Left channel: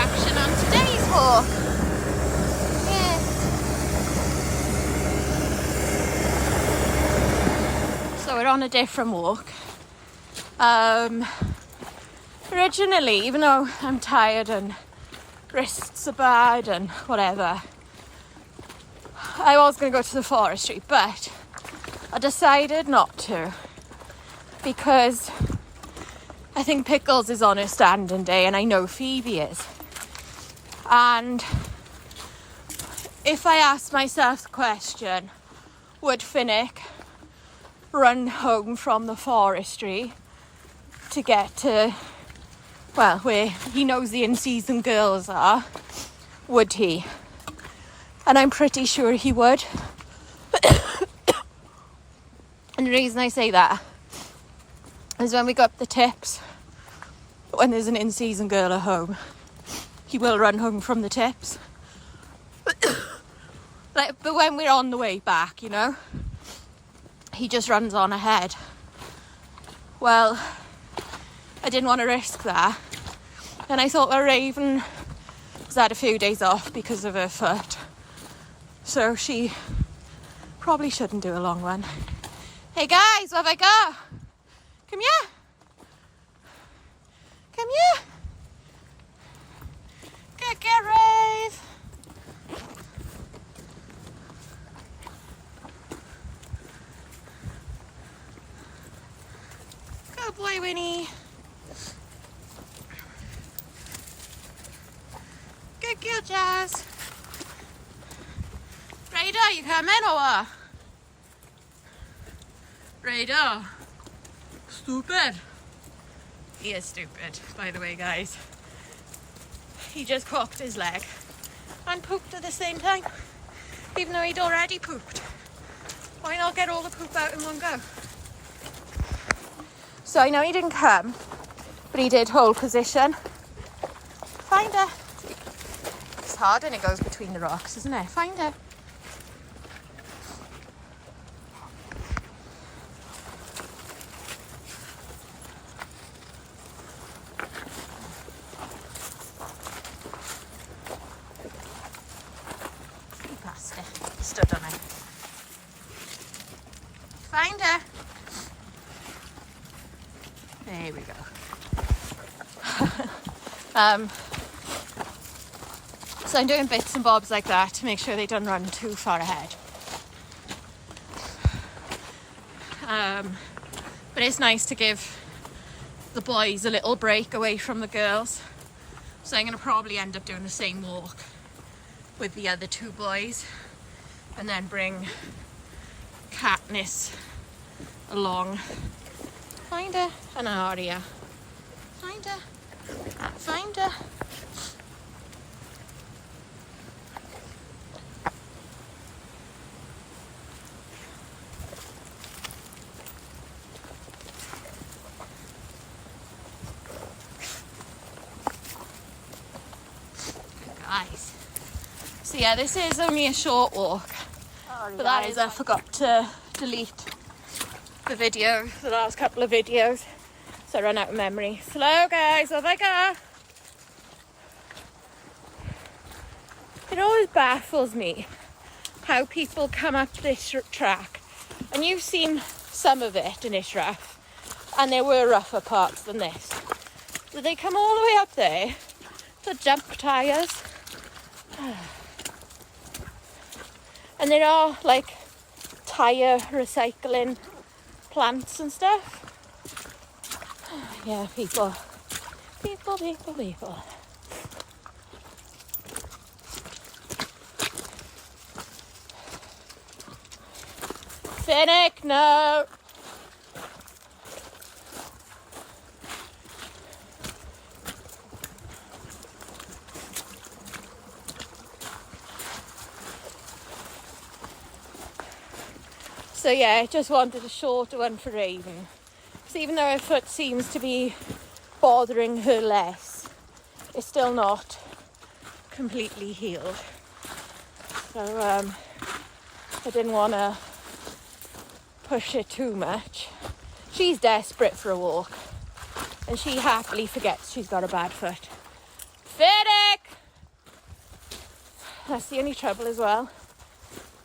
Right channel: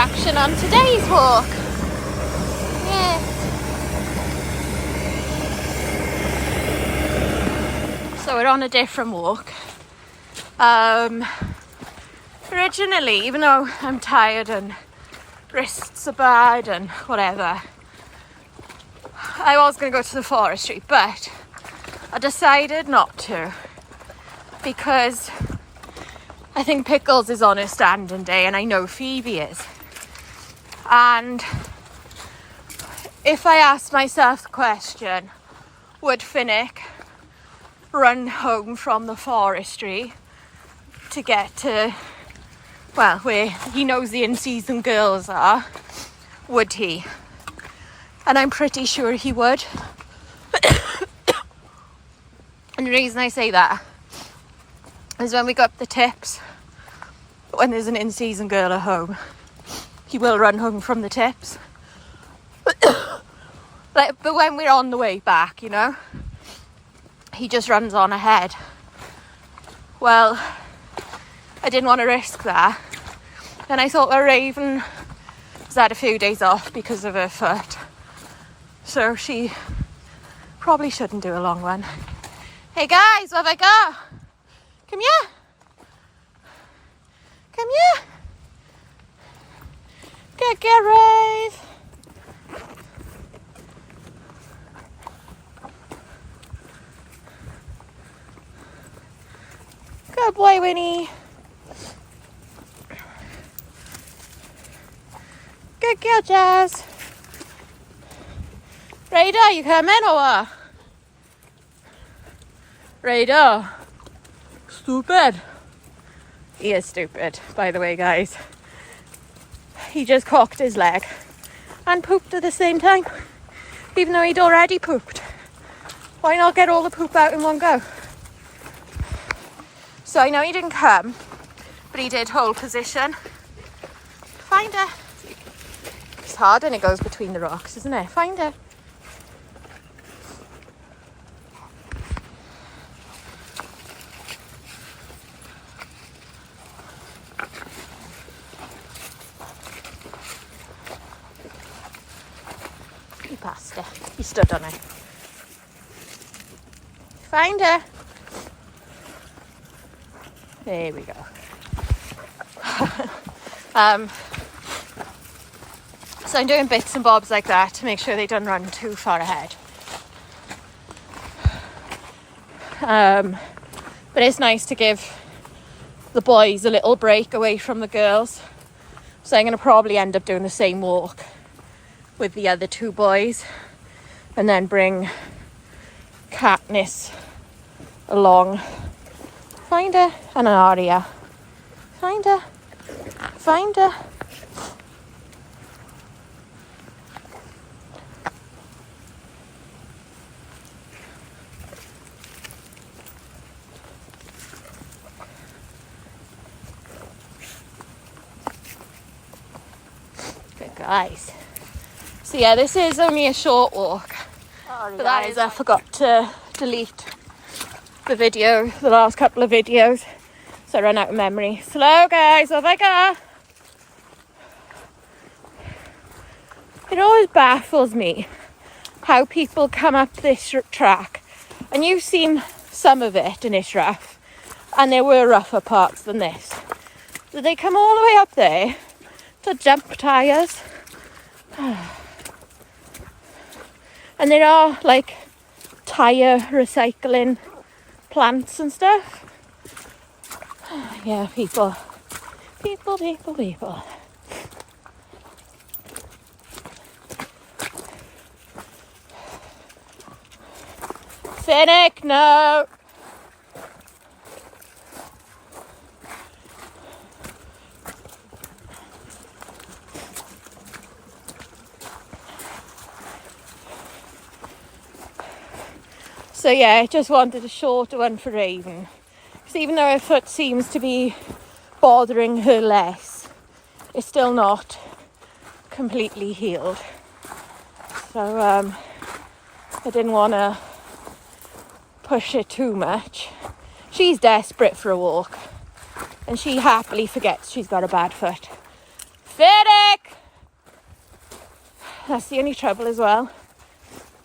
attraction on today's walk. Yeah. So we're on a different walk. Originally, even though I'm tired and wrists are bad and whatever, I was going to go to the forestry, but I decided not to because I think Pickles is on her standing day and I know Phoebe is. And if I asked myself the question, would Finnick run home from the forestry to get to, well, where he knows the in-season girls are, would he? And I'm pretty sure he would. And the reason I say that is when we go up the tips, when there's an in-season girl at home, he will run home from the tips. But when we're on the way back, you know, he just runs on ahead. Well, I didn't want to risk that. And I thought, well, Raven has had a few days off because of her foot, so she probably shouldn't do a long one. Hey guys, where have I got? Come here. Come here. Get Rave. Good boy, Winnie. Good girl, Jazz. Radar, you coming or what? Radar. Stupid. He is stupid, by the way, guys. He just cocked his leg and pooped at the same time, even though he'd already pooped. Why not get all the poop out in one go? So I know he didn't come, but he did hold position. Find her. It's hard when it goes between the rocks, isn't it? Find her. He passed her. He stood on her. Find her. There we go. So I'm doing bits and bobs like that to make sure they don't run too far ahead. But it's nice to give the boys a little break away from the girls. So I'm going to probably end up doing the same walk with the other two boys and then bring Katniss along. Find her. And Aria. Find her. Find her. Good guys. So yeah, this is only a short walk. But that is, I forgot to delete the video, the last couple of videos, so I ran out of memory. Slow guys, what have I got? It always baffles me how people come up this track, and you've seen some of it and it's rough, and there were rougher parts than this. So they come all the way up there to jump tyres. And there are like tyre recycling plants and stuff. Yeah, people. Finnick, no. So yeah, I just wanted a shorter one for Raven. Because even though her foot seems to be bothering her less, it's still not completely healed. So I didn't want to push it too much. She's desperate for a walk, and she happily forgets she's got a bad foot. Finnick! That's the only trouble as well.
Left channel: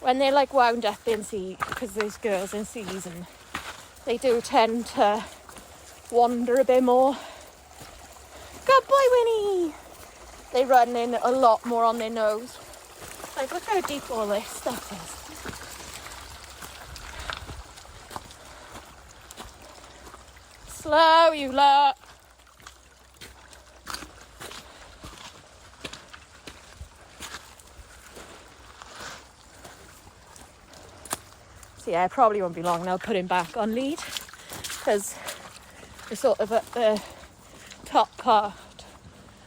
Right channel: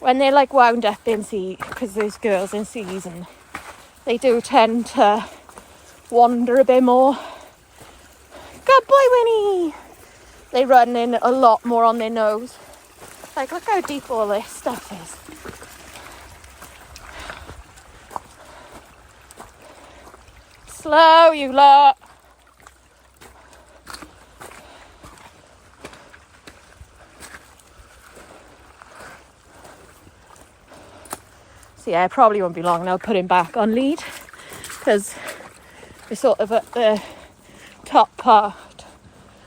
When they're like wound up in because there's girls in season, they do tend to wander a bit more. Good boy, Winnie! They run in a lot more on their nose. Like, look how deep all this stuff is. Slow, you lot. So yeah, it probably won't be long now. Put him back on lead because we're sort of at the top part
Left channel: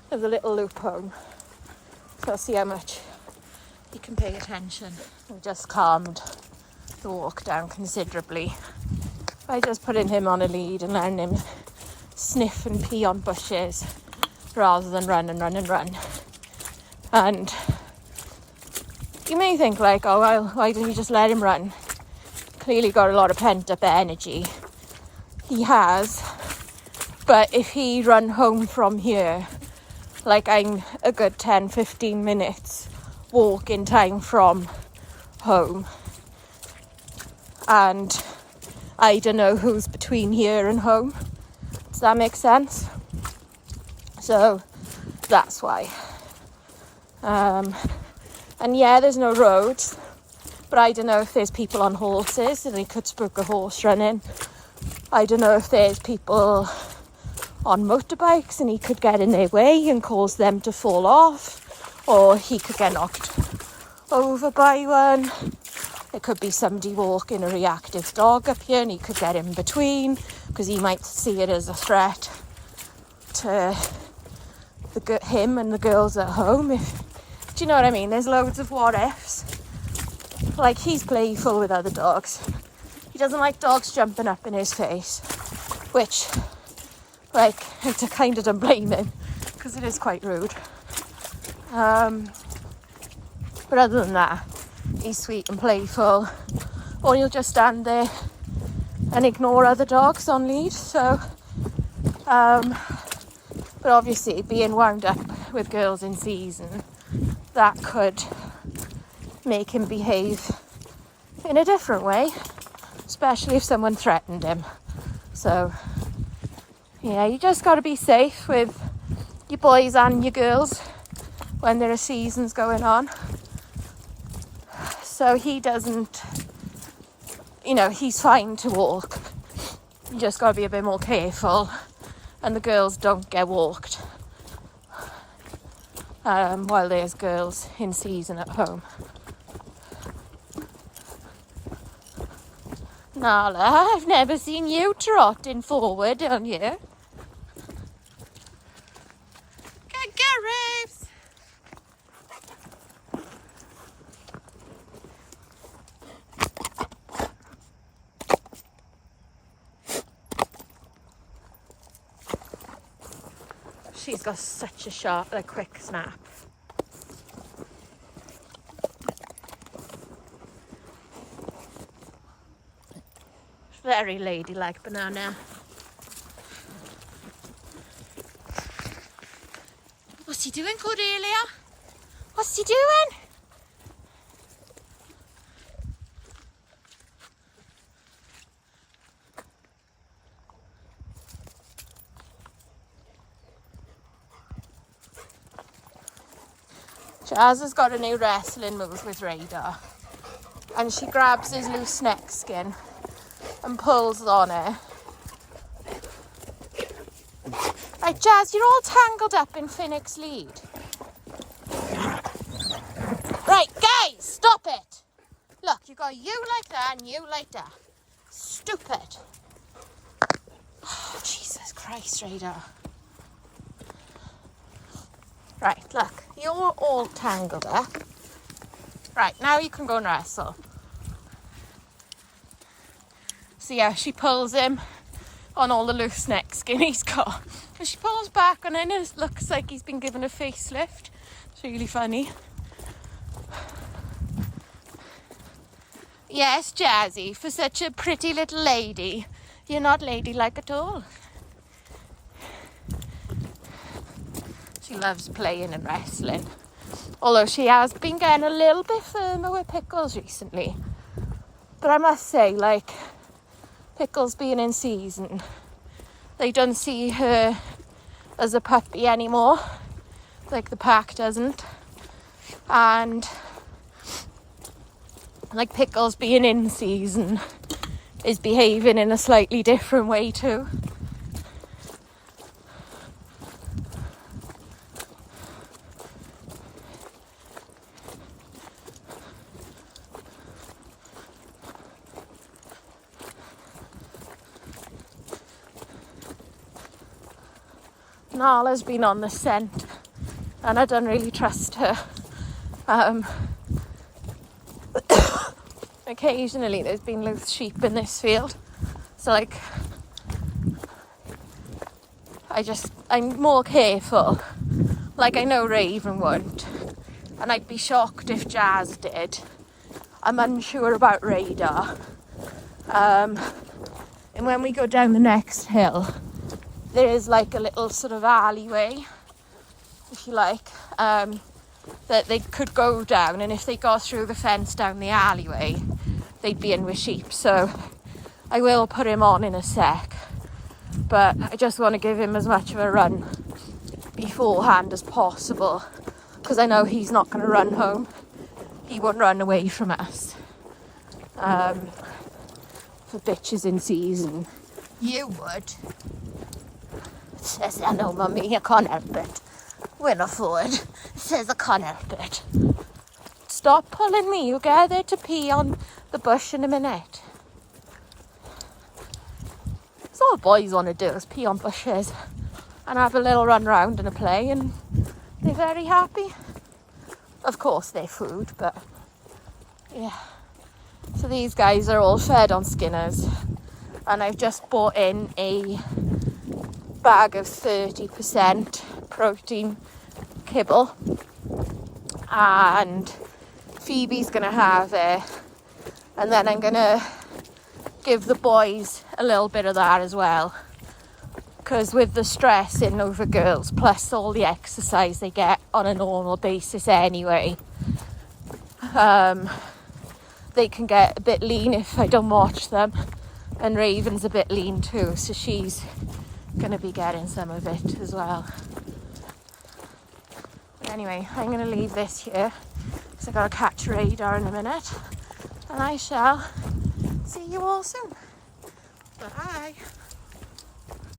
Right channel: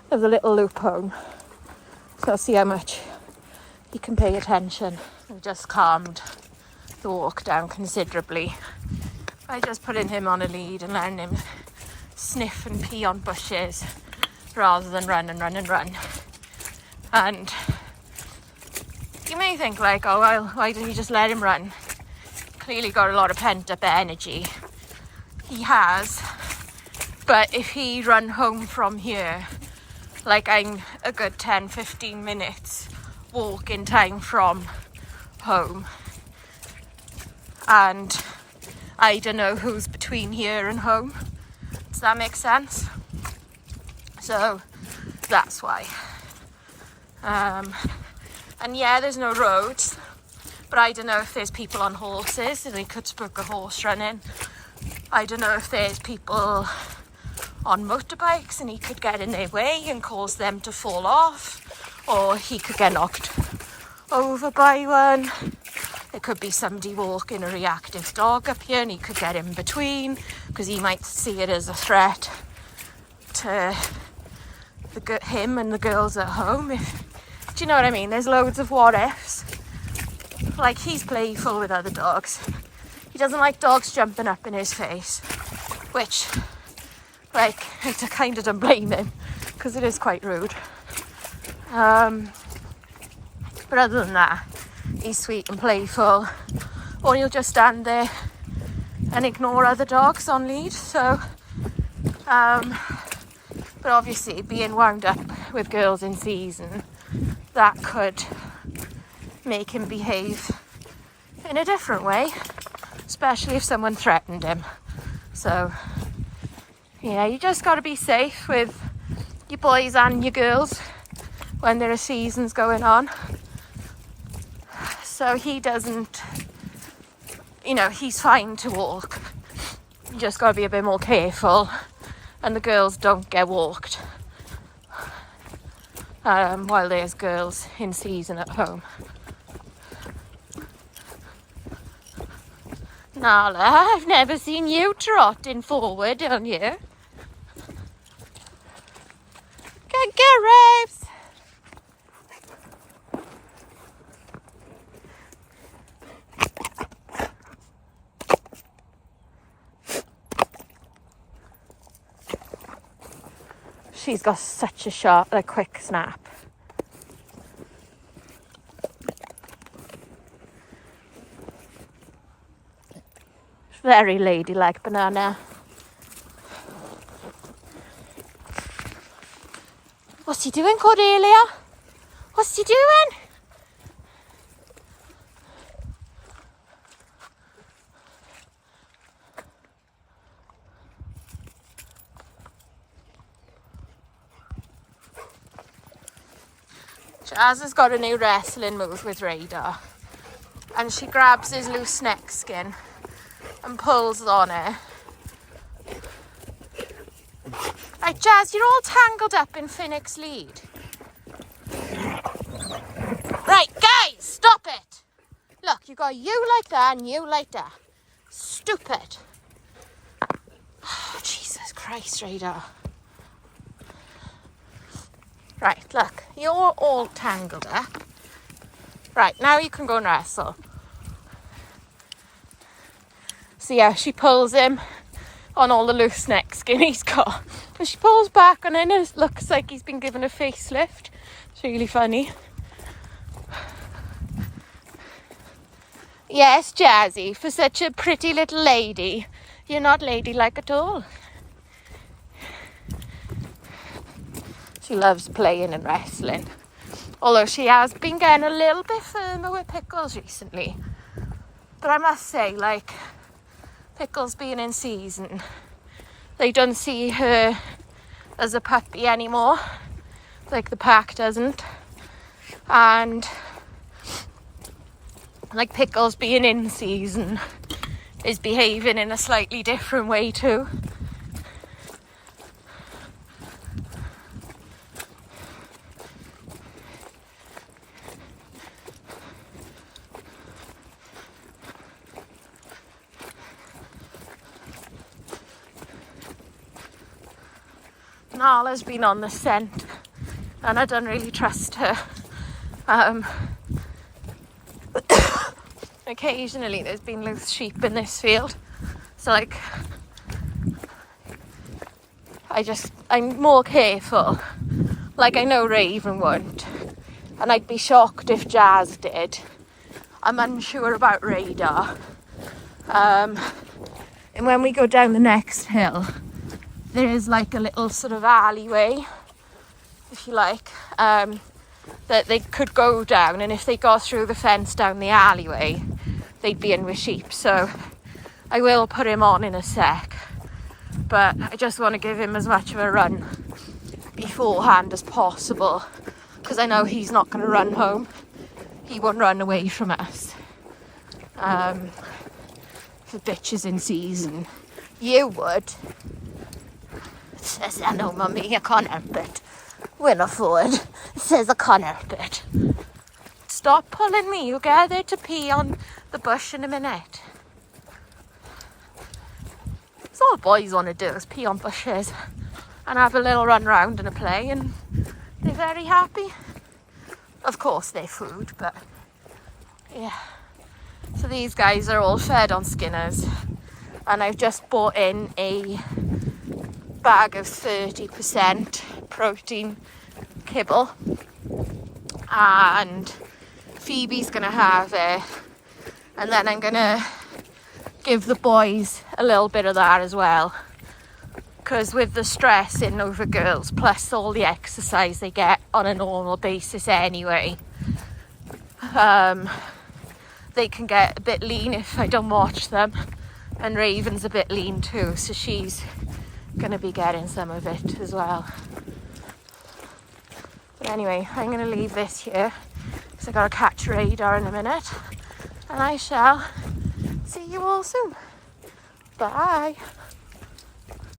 of the little loop home. So I'll see how much he can pay attention. I've just calmed the walk down considerably by just putting him on a lead and letting him sniff and pee on bushes rather than run and run and run. And you may think like, oh well, why didn't you just let him run? Clearly got a lot of pent up energy. He has, but if he run home from here, like I'm a good 10-15 minutes walking time from home, and I don't know who's between here and home. Does that make sense? So that's why. And yeah, there's no roads, but I don't know if there's people on horses and they could spook a horse running. I don't know if there's people on motorbikes and he could get in their way and cause them to fall off, or he could get knocked over by one. There could be somebody walking a reactive dog up here and he could get in between because he might see it as a threat to him and the girls at home. Do you know what I mean? There's loads of what ifs. Like, he's playful with other dogs. He doesn't like dogs jumping up in his face, which, like, I kind of don't blame him because it is quite rude. But other than that, he's sweet and playful, or he'll just stand there and ignore other dogs on lead. So, but obviously being wound up with girls in season, that could make him behave in a different way, especially if someone threatened him. So, yeah, you just got to be safe with your boys and your girls when there are seasons going on. So he doesn't, you know, he's fine to walk. You just got to be a bit more careful, and the girls don't get walked while there's girls in season at home. Nala, I've never seen you trotting forward on you. Good girl, Rose. She's got such a quick snap. Very ladylike banana. What's he doing, Cordelia? What's he doing? Jazz has got a new wrestling move with Radar, and she grabs his loose neck skin and pulls on it. Right, Jazz, you're all tangled up in Finnick's lead. Right, guys, stop it. Look, you got you like that and you like that. Stupid. Oh, Jesus Christ, Radar. Right, look, you're all tangled up. Right, now you can go and wrestle. So yeah, she pulls him on all the loose neck skin he's got. And she pulls back and then it looks like he's been given a facelift. It's really funny. Yes, Jazzy, for such a pretty little lady, you're not ladylike at all. She loves playing and wrestling. Although she has been getting a little bit firmer with Pickles recently. But I must say, like, Pickles being in season, they don't see her as a puppy anymore, like the pack doesn't. And like Pickles being in season is behaving in a slightly different way too. Nala's been on the scent and I don't really trust her. Occasionally there's been loose sheep in this field, so like I'm more careful. Like I know Raven won't, and I'd be shocked if Jazz did. I'm unsure about Radar. And when we go down the next hill, there is like a little sort of alleyway, if you like, that they could go down, and if they got through the fence down the alleyway, they'd be in with sheep. So I will put him on in a sec, but I just want to give him as much of a run beforehand as possible, because I know he's not going to run home. He won't run away from us. The bitch is in season. You would. Says, I know, mummy, I can't help it. Will afford. Says I can't help it. Stop pulling me. You'll get there to pee on the bush in a minute. That's all boys want to do, is pee on bushes and have a little run round and a play, and they're very happy. Of course they're food, but yeah. So these guys are all fed on Skinners, and I've just bought in a bag of 30% protein kibble, and Phoebe's gonna have it, and then I'm gonna give the boys a little bit of that as well, because with the stress in over girls plus all the exercise they get on a normal basis anyway, they can get a bit lean if I don't watch them, and Raven's a bit lean too, so she's gonna be getting some of it as well. But anyway, I'm gonna leave this here because I gotta catch Radar in a minute, and I shall see you all soon. Bye.